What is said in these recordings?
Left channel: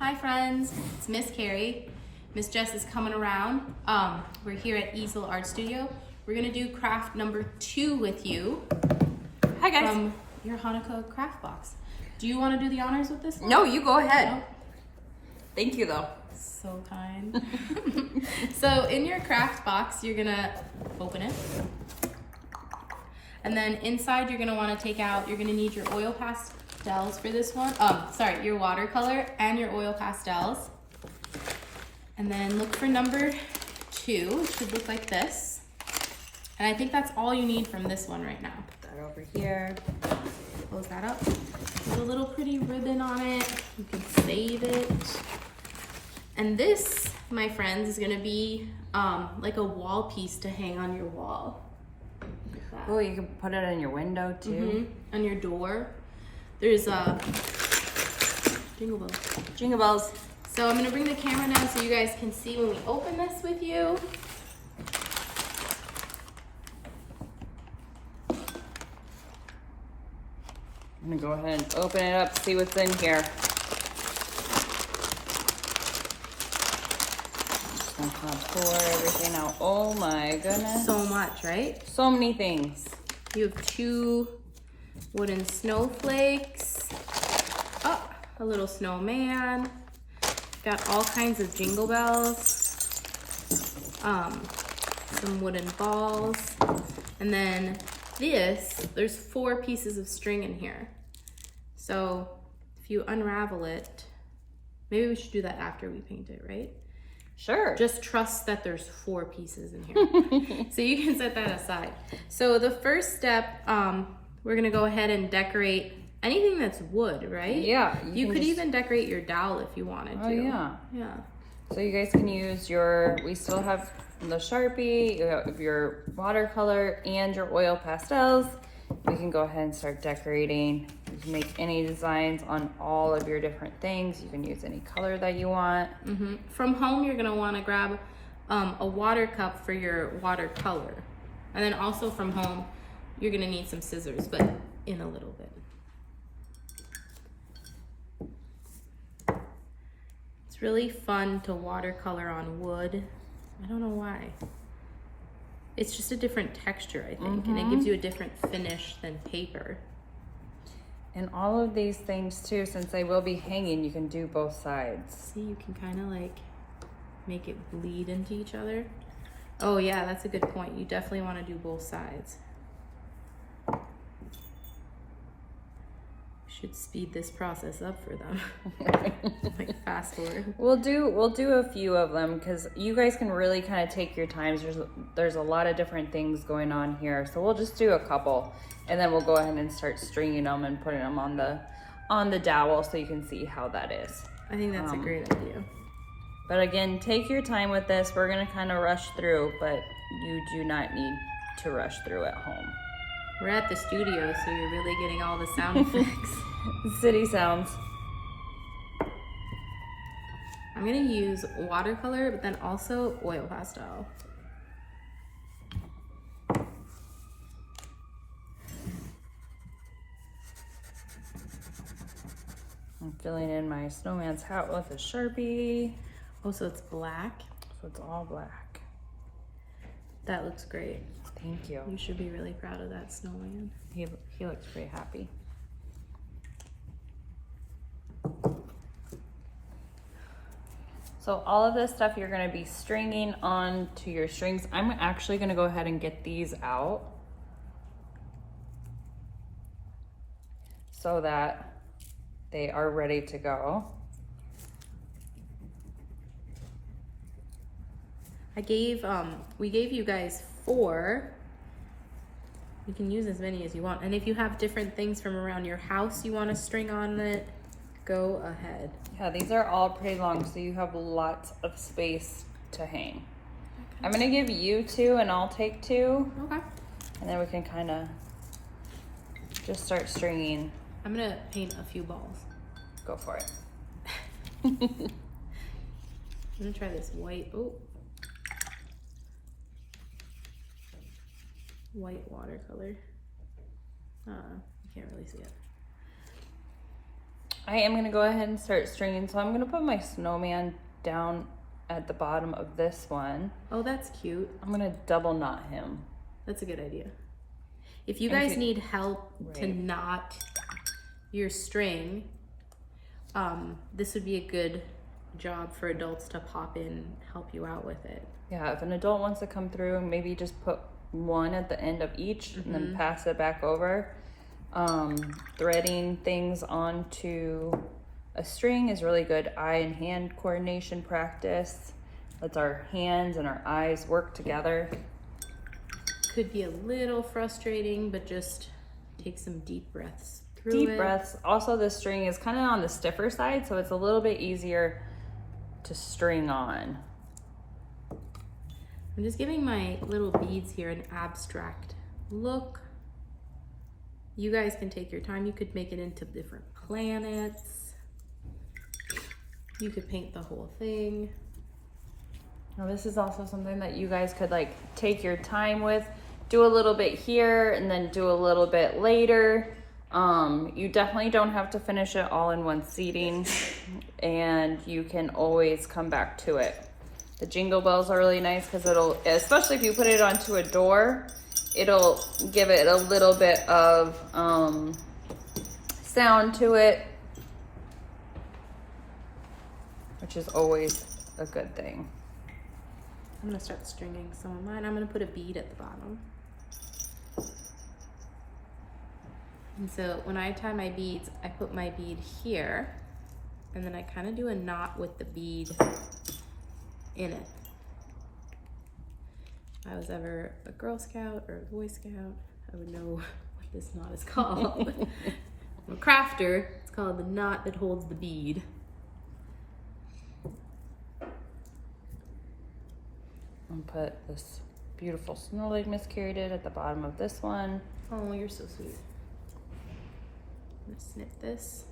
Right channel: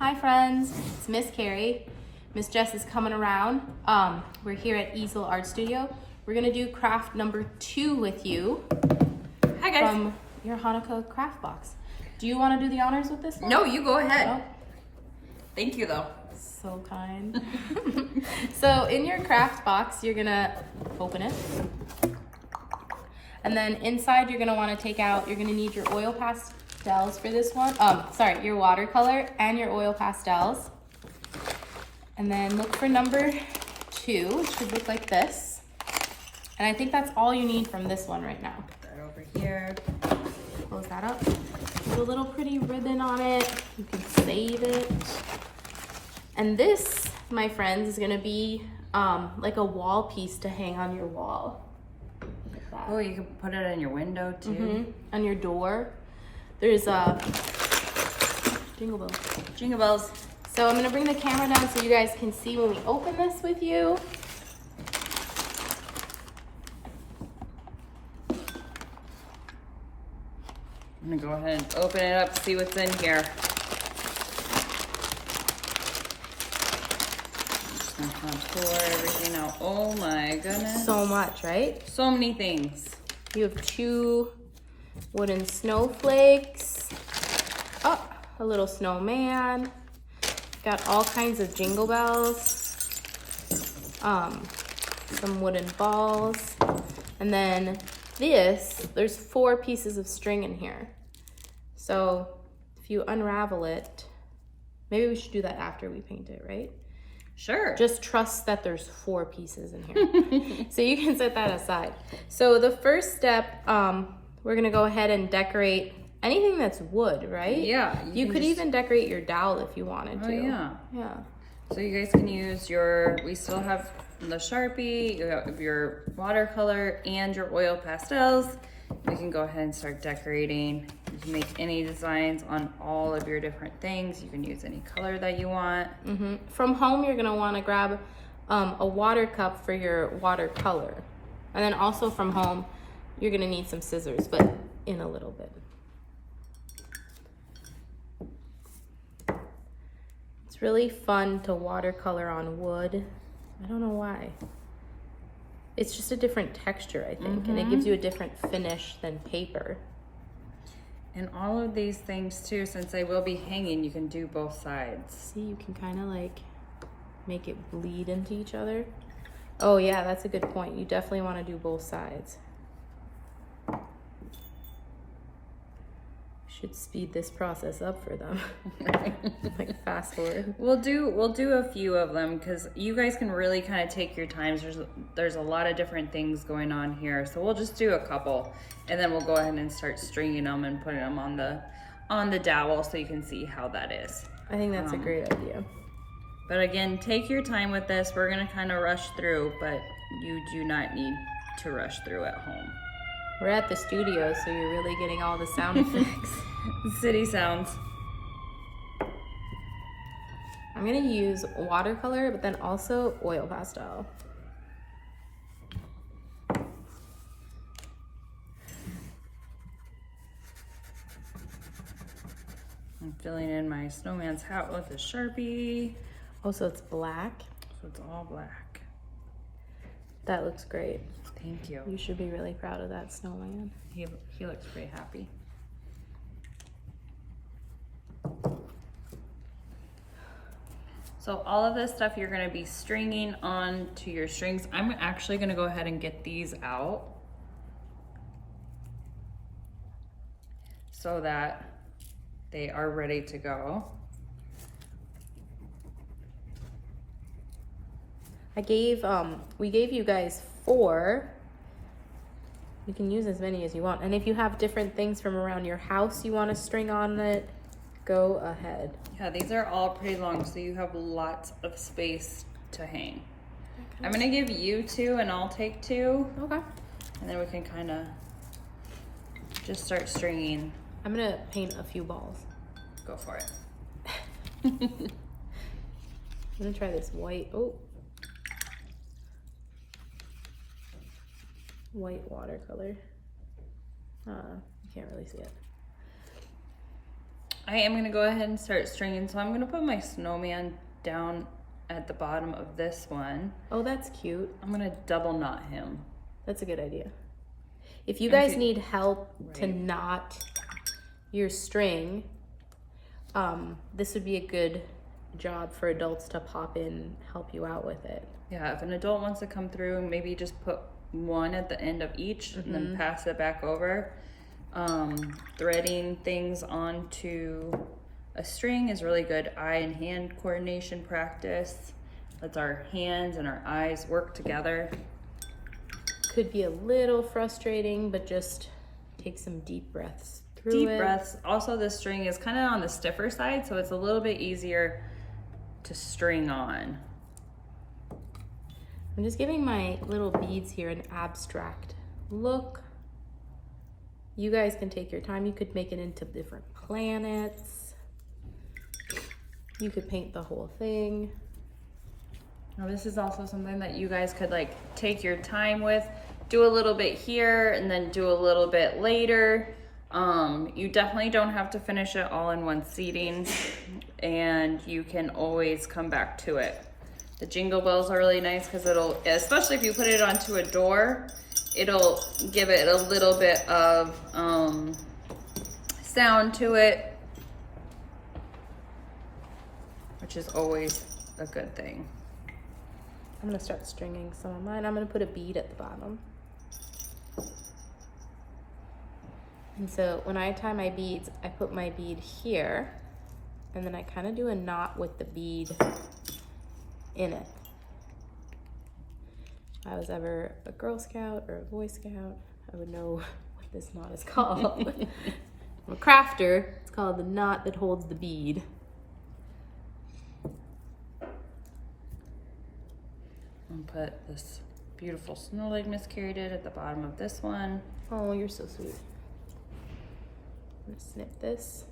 Hi friends, it's Miss Carrie. Miss Jess is coming around. We're here at Easel Art Studio. We're gonna do craft number 2 with you. Hi guys. From your Hanukkah craft box. Do you want to do the honors with this one? No, you go ahead. No? Thank you though. So kind. So in your craft box, you're gonna open it. And then inside you're gonna wanna take out, you're gonna need your oil pastels for this one. Your watercolor and your oil pastels. And then look for number 2, it should look like this. And I think that's all you need from this one right now. Right over here. Close that up. There's a little pretty ribbon on it. You can save it. And this, my friends, is gonna be like a wall piece to hang on your wall. Like that. Oh, you can put it in your window too. On your door. There's jingle bells. Jingle bells. So I'm gonna bring the camera down so you guys can see when we open this with you. I'm gonna go ahead and open it up, see what's in here. Just gonna kind of pour everything out. Oh my goodness. So much, right? So many things. You have 2 wooden snowflakes. Oh, a little snowman. Got all kinds of jingle bells. Some wooden balls. And then there's 4 pieces of string in here. So if you unravel it, maybe we should do that after we paint it, right? Sure. Just trust that there's 4 pieces in here. So you can set that aside. So the first step, we're gonna go ahead and decorate anything that's wood, right? Yeah. You could even decorate your dowel if you wanted to. Oh yeah. Yeah. So you guys can use we still have the Sharpie, you have your watercolor and your oil pastels. You can go ahead and start decorating. You can make any designs on all of your different things. You can use any color that you want. From home, you're gonna wanna grab a water cup for your watercolor. And then also from home, you're gonna need some scissors, but in a little bit. It's really fun to watercolor on wood. I don't know why. It's just a different texture, I think, and it gives you a different finish than paper. And all of these things too, since they will be hanging, you can do both sides. See, you can kind of like make it bleed into each other. Oh yeah, that's a good point. You definitely want to do both sides. Should speed this process up for them. Like fast forward. We'll do a few of them because you guys can really kind of take your time. There's a lot of different things going on here, so we'll just do a couple, and then we'll go ahead and start stringing them and putting them on the dowel so you can see how that is. I think that's a great idea. But again, take your time with this. We're gonna kind of rush through, but you do not need to rush through at home. We're at the studio, so you're really getting all the sound effects. City sounds. I'm gonna use watercolor, but then also oil pastel. I'm filling in my snowman's hat with a Sharpie. Oh, so it's black? So it's all black. That looks great. Thank you. You should be really proud of that snowman. He looks pretty happy. So all of this stuff you're gonna be stringing on to your strings. I'm actually gonna go ahead and get these out so that they are ready to go. We gave you guys 4. You can use as many as you want. And if you have different things from around your house you want to string on it, go ahead. Yeah, these are all pretty long, so you have lots of space to hang. Okay. I'm gonna give you 2 and I'll take 2. Okay. And then we can kind of just start stringing. I'm gonna paint a few balls. Go for it. I'm gonna try this white. Oh. White watercolor. You can't really see it. I am gonna go ahead and start stringing. So I'm gonna put my snowman down at the bottom of this one. Oh, that's cute. I'm gonna double knot him. That's a good idea. If you guys need help to Right. knot your string, this would be a good job for adults to pop in, help you out with it. Yeah, if an adult wants to come through, maybe just put one at the end of each and then pass it back over. Threading things onto a string is really good eye and hand coordination practice. Lets our hands and our eyes work together. Could be a little frustrating, but just take some deep breaths through Deep it. breaths. Also, this string is kind of on the stiffer side, so it's a little bit easier to string on. I'm just giving my little beads here an abstract look. You guys can take your time. You could make it into different planets. You could paint the whole thing. Now, this is also something that you guys could like take your time with. Do a little bit here and then do a little bit later. You definitely don't have to finish it all in one seating, and you can always come back to it. The jingle bells are really nice because it'll, especially if you put it onto a door, it'll give it a little bit of sound to it, which is always a good thing. I'm gonna start stringing some of mine. I'm gonna put a bead at the bottom. And so when I tie my beads, I put my bead here, and then I kind of do a knot with the bead in it. If I was ever a Girl Scout or a Boy Scout, I would know what this knot is called. I'm a crafter. It's called the knot that holds the bead. And put this beautiful snow like Miss Carrie did at the bottom of this one. Oh, you're so sweet. I'm gonna snip this.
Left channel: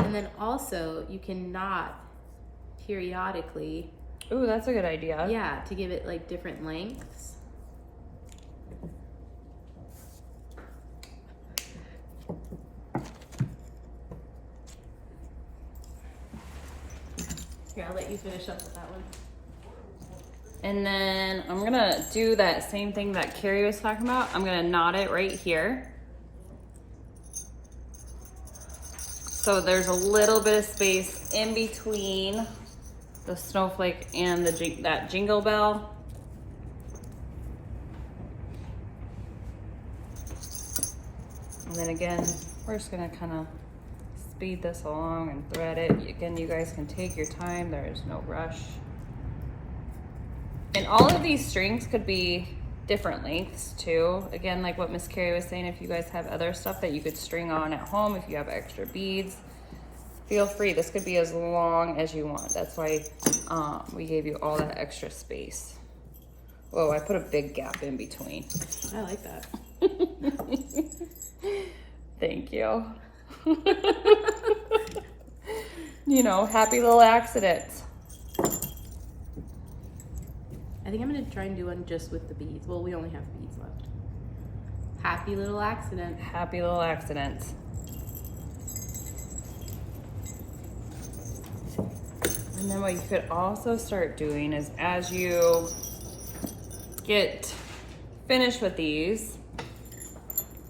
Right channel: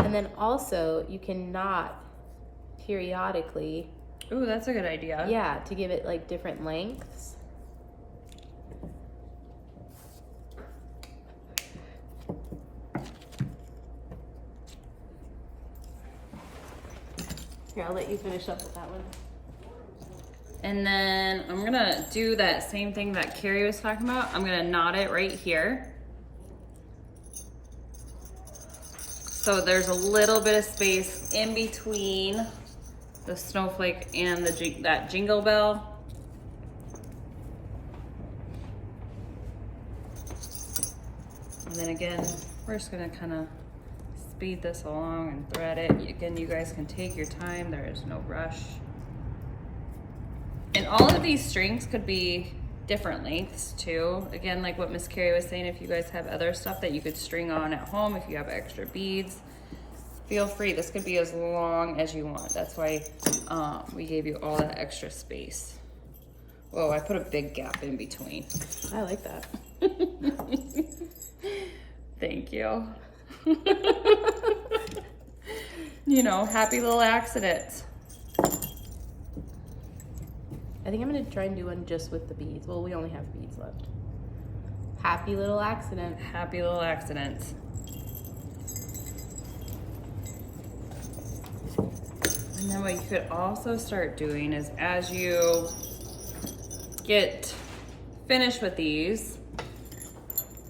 And then also you can knot periodically. Ooh, that's a good idea. Yeah, to give it like different lengths. Here, I'll let you finish up with that one. And then I'm gonna do that same thing that Carrie was talking about. I'm gonna knot it right here. So there's a little bit of space in between the snowflake and that jingle bell. And then again, we're just gonna kind of speed this along and thread it. Again, you guys can take your time. There is no rush. And all of these strings could be different lengths too. Again, like what Miss Carrie was saying, if you guys have other stuff that you could string on at home, if you have extra beads, feel free. This could be as long as you want. That's why we gave you all that extra space. Whoa, I put a big gap in between. I like that. Thank you. You know, happy little accidents. I think I'm gonna try and do one just with the beads. Well, we only have beads left. Happy little accident. Happy little accidents. And then what you could also start doing is as you get finished with these,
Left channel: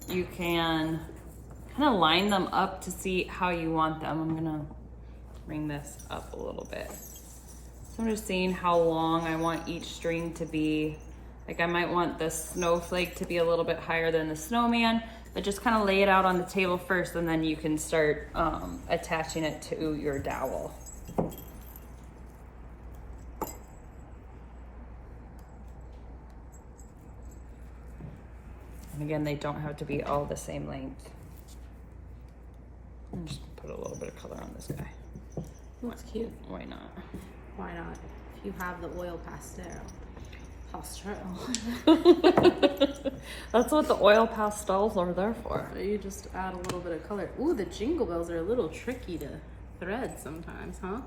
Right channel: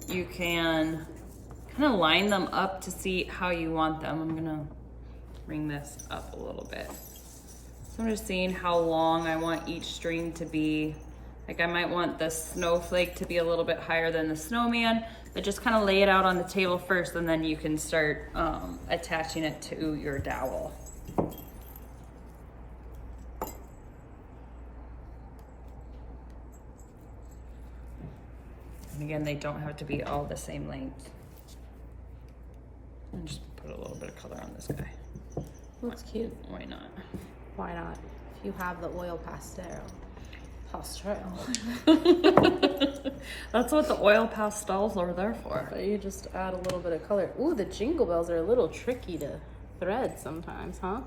you can kind of line them up to see how you want them. I'm gonna bring this up a little bit. So I'm just seeing how long I want each string to be. Like I might want the snowflake to be a little bit higher than the snowman, but just kind of lay it out on the table first, and then you can start attaching it to your dowel. And again, they don't have to be all the same length. And just put a little bit of color on this guy. Looks cute. Why not? Why not? If you have the oil pastel. That's what the oil pastels are there for. You just add a little bit of color. Ooh, the jingle bells are a little tricky to thread sometimes, huh?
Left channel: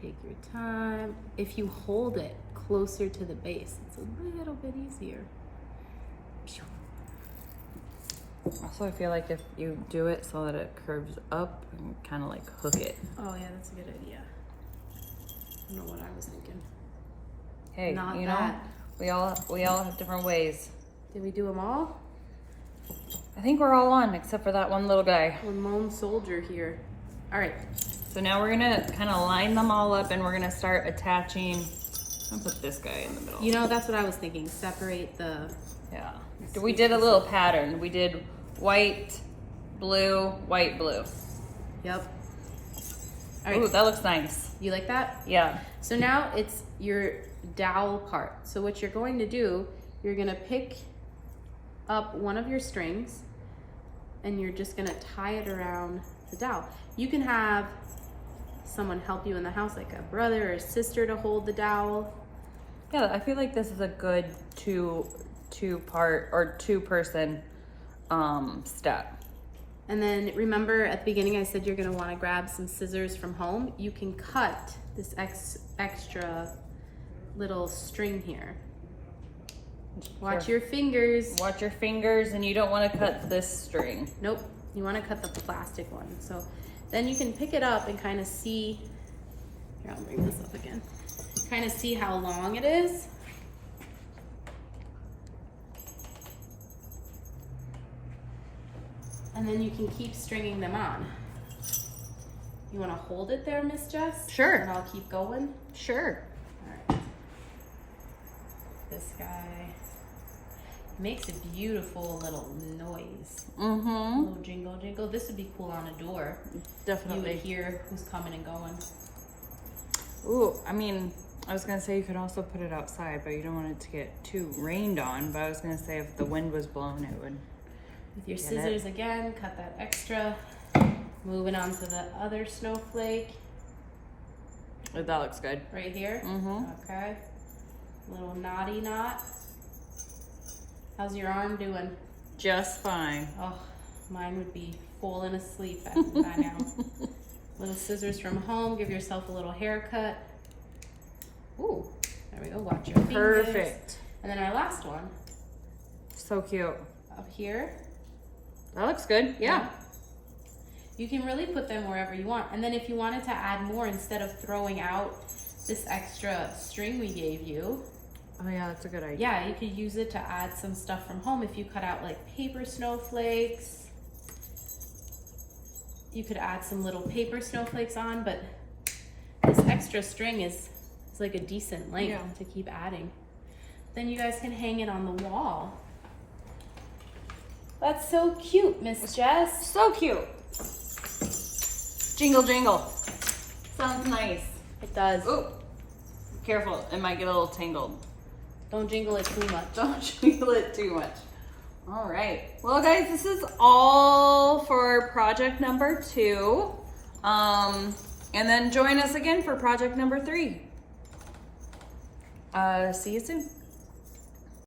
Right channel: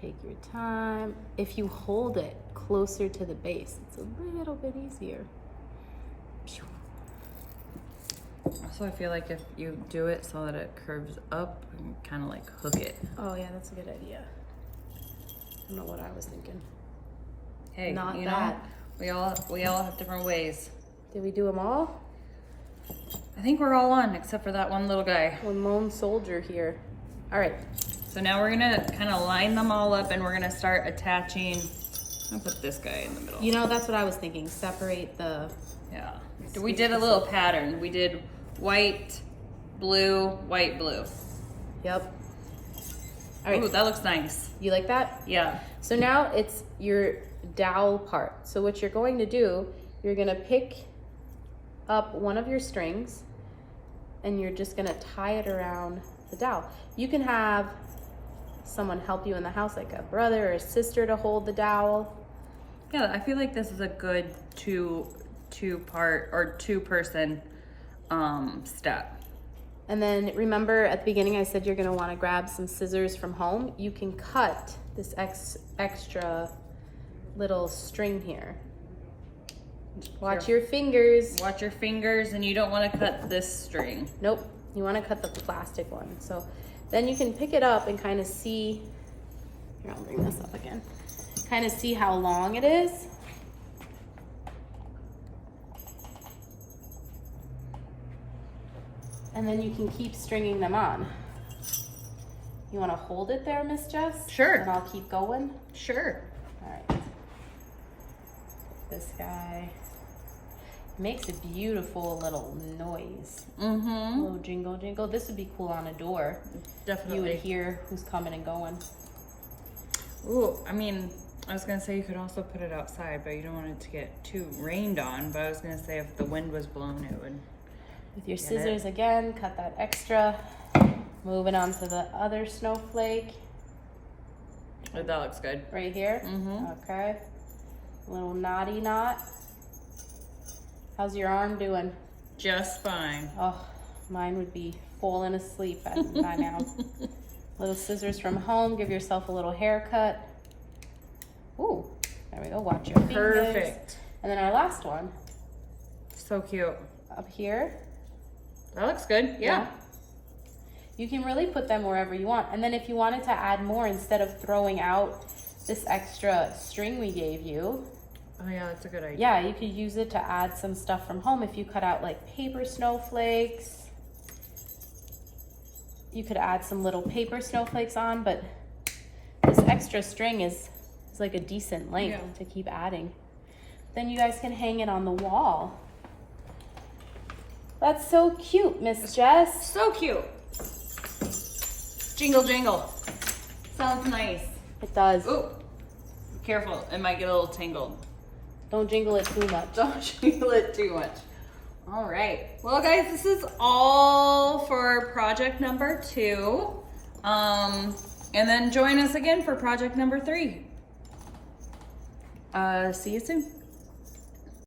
Take your time. If you hold it closer to the base, it's a little bit easier. Also, I feel like if you do it so that it curves up and kind of like hook it. Oh yeah, that's a good idea. I don't know what I was thinking. Hey, Not you that. know, we all have different ways. Did we do them all? I think we're all on except for that one little guy. One lone soldier here. All right. So now we're gonna kind of line them all up and we're gonna start attaching. I'll put this guy in the middle. You know, that's what I was thinking. Separate the. Yeah. We did a little pattern. We did white, blue, white, blue. Yep. All right. Ooh, that looks nice. You like that? Yeah. So now it's your dowel part. So what you're going to do, you're gonna pick up one of your strings and you're just gonna tie it around the dowel. You can have someone help you in the house, like a brother or a sister, to hold the dowel. Yeah, I feel like this is a good two person step. And then remember at the beginning I said you're gonna wanna grab some scissors from home. You can cut this extra little string here. Watch your fingers. Watch your fingers, and you don't want to cut this string. Nope, you wanna cut the plastic one. So then you can pick it up and kind of see, here, I'll bring this up again. Kind of see how long it is. And then you can keep stringing them on. You want to hold it there, Miss Jess? Sure. And I'll keep going. Sure. All right. This guy makes a beautiful little noise. Mm-hmm. Little jingle, jingle. This would be cool on a door. Definitely. You would hear who's coming and going. Ooh, I mean, I was gonna say you could also put it outside, but you don't want it to get too rained on. But I was gonna say if the wind was blowing, it would. With your scissors again, cut that extra. Moving on to the other snowflake. Oh, that looks good. Right here. Mm-hmm. Okay. Little knotty knot. How's your arm doing? Just fine. Oh, mine would be falling asleep by now. Little scissors from home. Give yourself a little haircut. Ooh, there we go. Watch your fingers. Perfect. And then our last one. So cute. Up here. That looks good. Yeah. You can really put them wherever you want. And then if you wanted to add more, instead of throwing out this extra string we gave you. Oh yeah, that's a good idea. Yeah, you could use it to add some stuff from home. If you cut out like paper snowflakes, you could add some little paper snowflakes on, but this extra string is like a decent length to keep adding. Then you guys can hang it on the wall. That's so cute, Miss Jess. So cute. Jingle jingle. Sounds nice. It does. Ooh, be careful, it might get a little tangled. Don't jingle it too much. Don't jingle it too much. All right. Well, guys, this is all for project number 2. And then join us again for project number 3. See you soon.